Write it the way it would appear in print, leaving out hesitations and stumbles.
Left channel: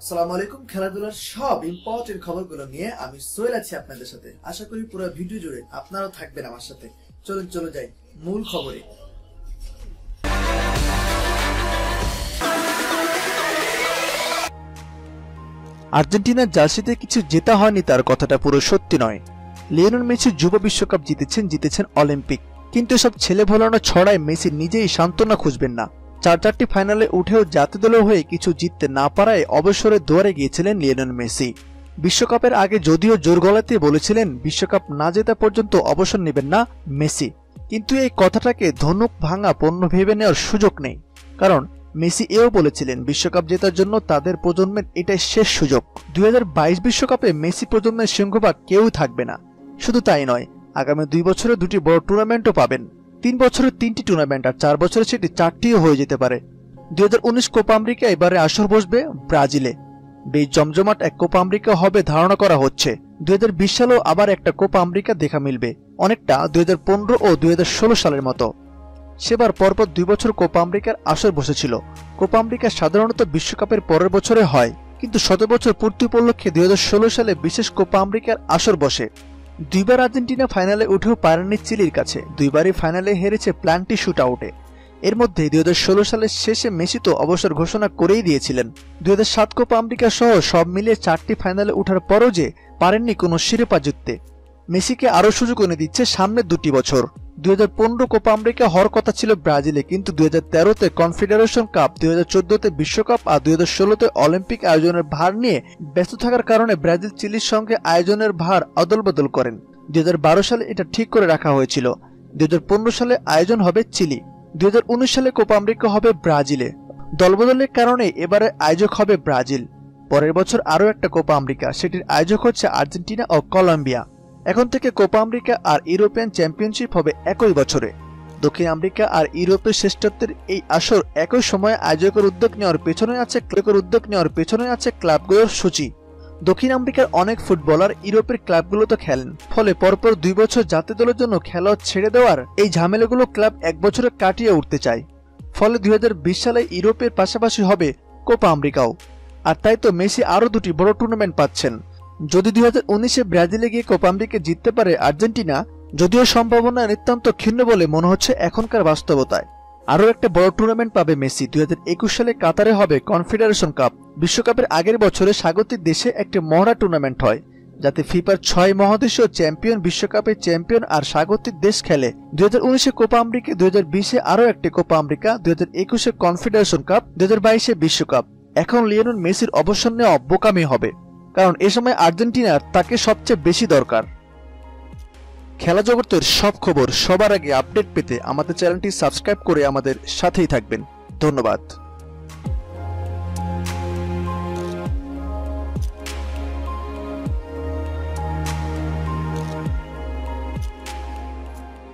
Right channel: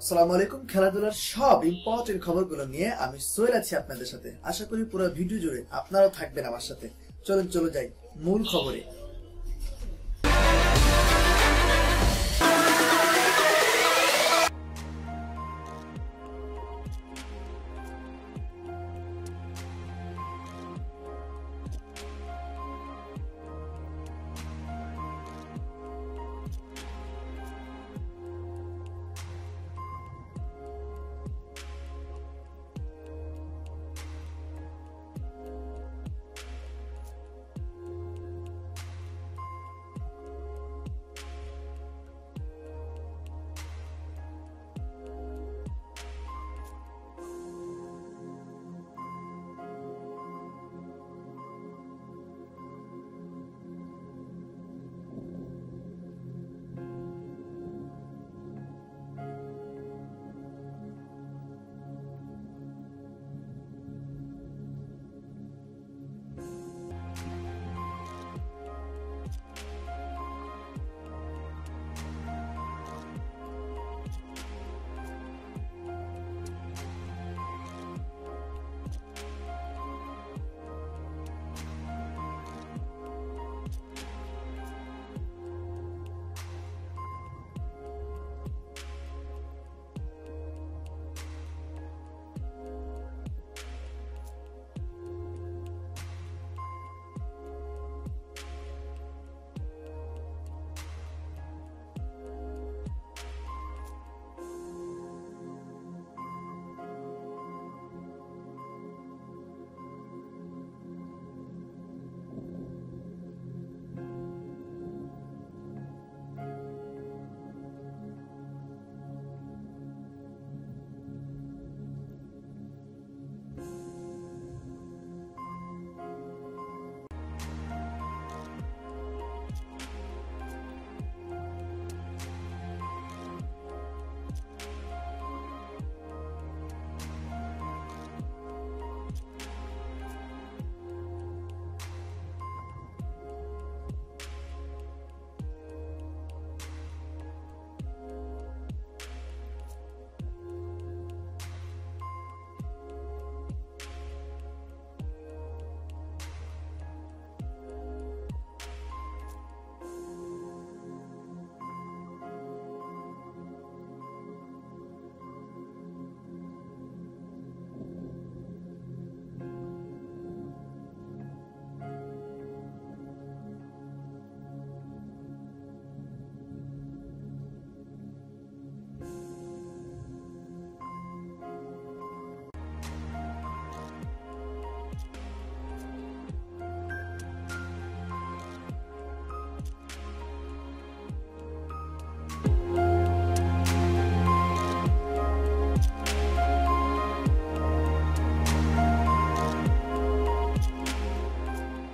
আসসালামু আলাইকুম। খেলাধুলার সব ইম্পর্টেন্ট খবরগুলো নিয়ে আমি সোহেল আছি আপনাদের সাথে। আশা করি পুরো ভিডিও জুড়ে আপনারাও থাকবেন আমার সাথে। চলুন চলে যাই মূল খবরে। আর্জেন্টিনার জার্সিতে কিছু জেতা হয়নি তার কথাটা পুরো সত্যি নয়। লিওনেল মেসি যুব বিশ্বকাপ জিতেছেন অলিম্পিক, কিন্তু এসব ছেলে ভোলানো ছড়ায় মেসি নিজেই সান্ত্বনা খুঁজবেন না। চারটি ফাইনালে উঠেও জাতীয় দলের হয়ে কিছু জিততে না পারায় অবসরের দুয়ারে গিয়েছিলেন লিওনেল মেসি। বিশ্বকাপের আগে যদিও জোর গলাতে বলেছিলেন বিশ্বকাপ না জেতা পর্যন্ত অবসর নেবেন না মেসি, কিন্তু এই কথাটাকে ধনুক ভাঙা পণ্য ভেবে নেওয়ার সুযোগ নেই। কারণ মেসি এও বলেছিলেন বিশ্বকাপ জেতার জন্য তাদের প্রজন্মের এটাই শেষ সুযোগ। 2022 বিশ্বকাপে মেসি প্রজন্মের সিংহভাগ কেউ থাকবে না। শুধু তাই নয়, আগামী 2 বছরে 2টি বড় টুর্নামেন্টও পাবেন। 3 বছরে 3টি টুর্নামেন্ট, আর 4 বছরে সেটি 4টিও হয়ে যেতে পারে। 2019 কোপা আমেরিকা এবারে আসর বসবে ব্রাজিলে। বেশ জমজমাট এক কোপা আমেরিকা হবে ধারণা করা হচ্ছে। 2020 সালেও আবার একটা কোপা আমেরিকা দেখা মিলবে, অনেকটা 2015 ও 2016 সালের মতো। সেবার পরপর 2 বছর কোপা আমেরিকার আসর বসেছিল। কোপা আমেরিকা সাধারণত বিশ্বকাপের পরের বছরে হয়, কিন্তু 100 বছর পূর্তি উপলক্ষে 2016 সালে বিশেষ কোপা আমেরিকার আসর বসে। 2বার আর্জেন্টিনা ফাইনালে উঠেও পারেনি চিলির কাছে, 2বারই ফাইনালে হেরেছে প্ল্যান্টি শুট আউটে। এর মধ্যে 2016 সালের শেষে মেসি তো অবসর ঘোষণা করেই দিয়েছিলেন। 2007 কোপা আমেরিকা সহ সব মিলিয়ে 4টি ফাইনালে ওঠার পরও যে পারেননি কোনো শিরোপা জিততে। মেসিকে আরও সুযোগ এনে দিচ্ছে সামনের 2টি বছর। 2015 কোপা আমেরিকা হওয়ার কথা ছিল ব্রাজিলে, কিন্তু 2013-তে কনফেডারেশন কাপ, 2014-তে বিশ্বকাপ আর 2016-তে অলিম্পিক আয়োজনের ভার নিয়ে ব্যস্ত থাকার কারণে ব্রাজিল চিলির সঙ্গে আয়োজনের ভার অদলবদল করেন। 2012 সালে এটা ঠিক করে রাখা হয়েছিল। 2015 সালে আয়োজন হবে চিলি, 2019 সালে কোপা আমেরিকা হবে ব্রাজিলে। দলবদলের কারণে এবারে আয়োজক হবে ব্রাজিল। পরের বছর আরও একটা কোপা আমেরিকা, সেটির আয়োজক হচ্ছে আর্জেন্টিনা ও কলম্বিয়া। এখন থেকে কোপা আমেরিকা আর ইউরোপিয়ান চ্যাম্পিয়নশিপ হবে একই বছরে। দক্ষিণ আমেরিকা আর ইউরোপের শ্রেষ্ঠত্বের এই আসর একই সময়ে আয়োজকের উদ্যোগ নেওয়ার পেছনে আছে ক্লাবগুলোর সূচি। দক্ষিণ আমেরিকার অনেক ফুটবলার ইউরোপের ক্লাবগুলোতে খেলেন, ফলে পরপর 2 বছর জাতীয় দলের জন্য খেলা ছেড়ে দেওয়ার এই ঝামেলাগুলো ক্লাব 1 বছরে কাটিয়ে উঠতে চায়। ফলে 2020 সালে ইউরোপের পাশাপাশি হবে কোপা আমেরিকাও। আর তাই তো মেসি আরও 2টি বড় টুর্নামেন্ট পাচ্ছেন। যদি 2019-এ ব্রাজিলে গিয়ে কোপা আমেরিকা জিততে পারে আর্জেন্টিনা, যদিও সম্ভাবনা নিতান্ত ক্ষীণ বলে মনে হচ্ছে এখনকার বাস্তবতায়। আরও একটা বড় টুর্নামেন্ট পাবে মেসি। 2021 সালে কাতারে হবে কনফেডারেশন কাপ। বিশ্বকাপের আগের বছরে স্বাগতিক দেশে একটি মহড়া টুর্নামেন্ট হয়, যাতে ফিফার 6 মহাদেশীয় চ্যাম্পিয়ন বিশ্বকাপের চ্যাম্পিয়ন আর স্বাগতিক দেশ খেলে। 2019-এ কোপা আমেরিকা, 2020-এ আরও একটি কোপা আমেরিকা, 2021-এ কনফেডারেশন কাপ, 2022-এ বিশ্বকাপ। এখন লিওনেল মেসির অবসর নেওয়া বোকামি হবে, কারণ এ সময় আর্জেন্টিনার তাকে সবচেয়ে বেশি দরকার। খেলা জগতের সব খবর সবার আগে আপডেট পেতে আমাদের চ্যানেলটি সাবস্ক্রাইব করে আমাদের সাথেই থাকবেন। ধন্যবাদ।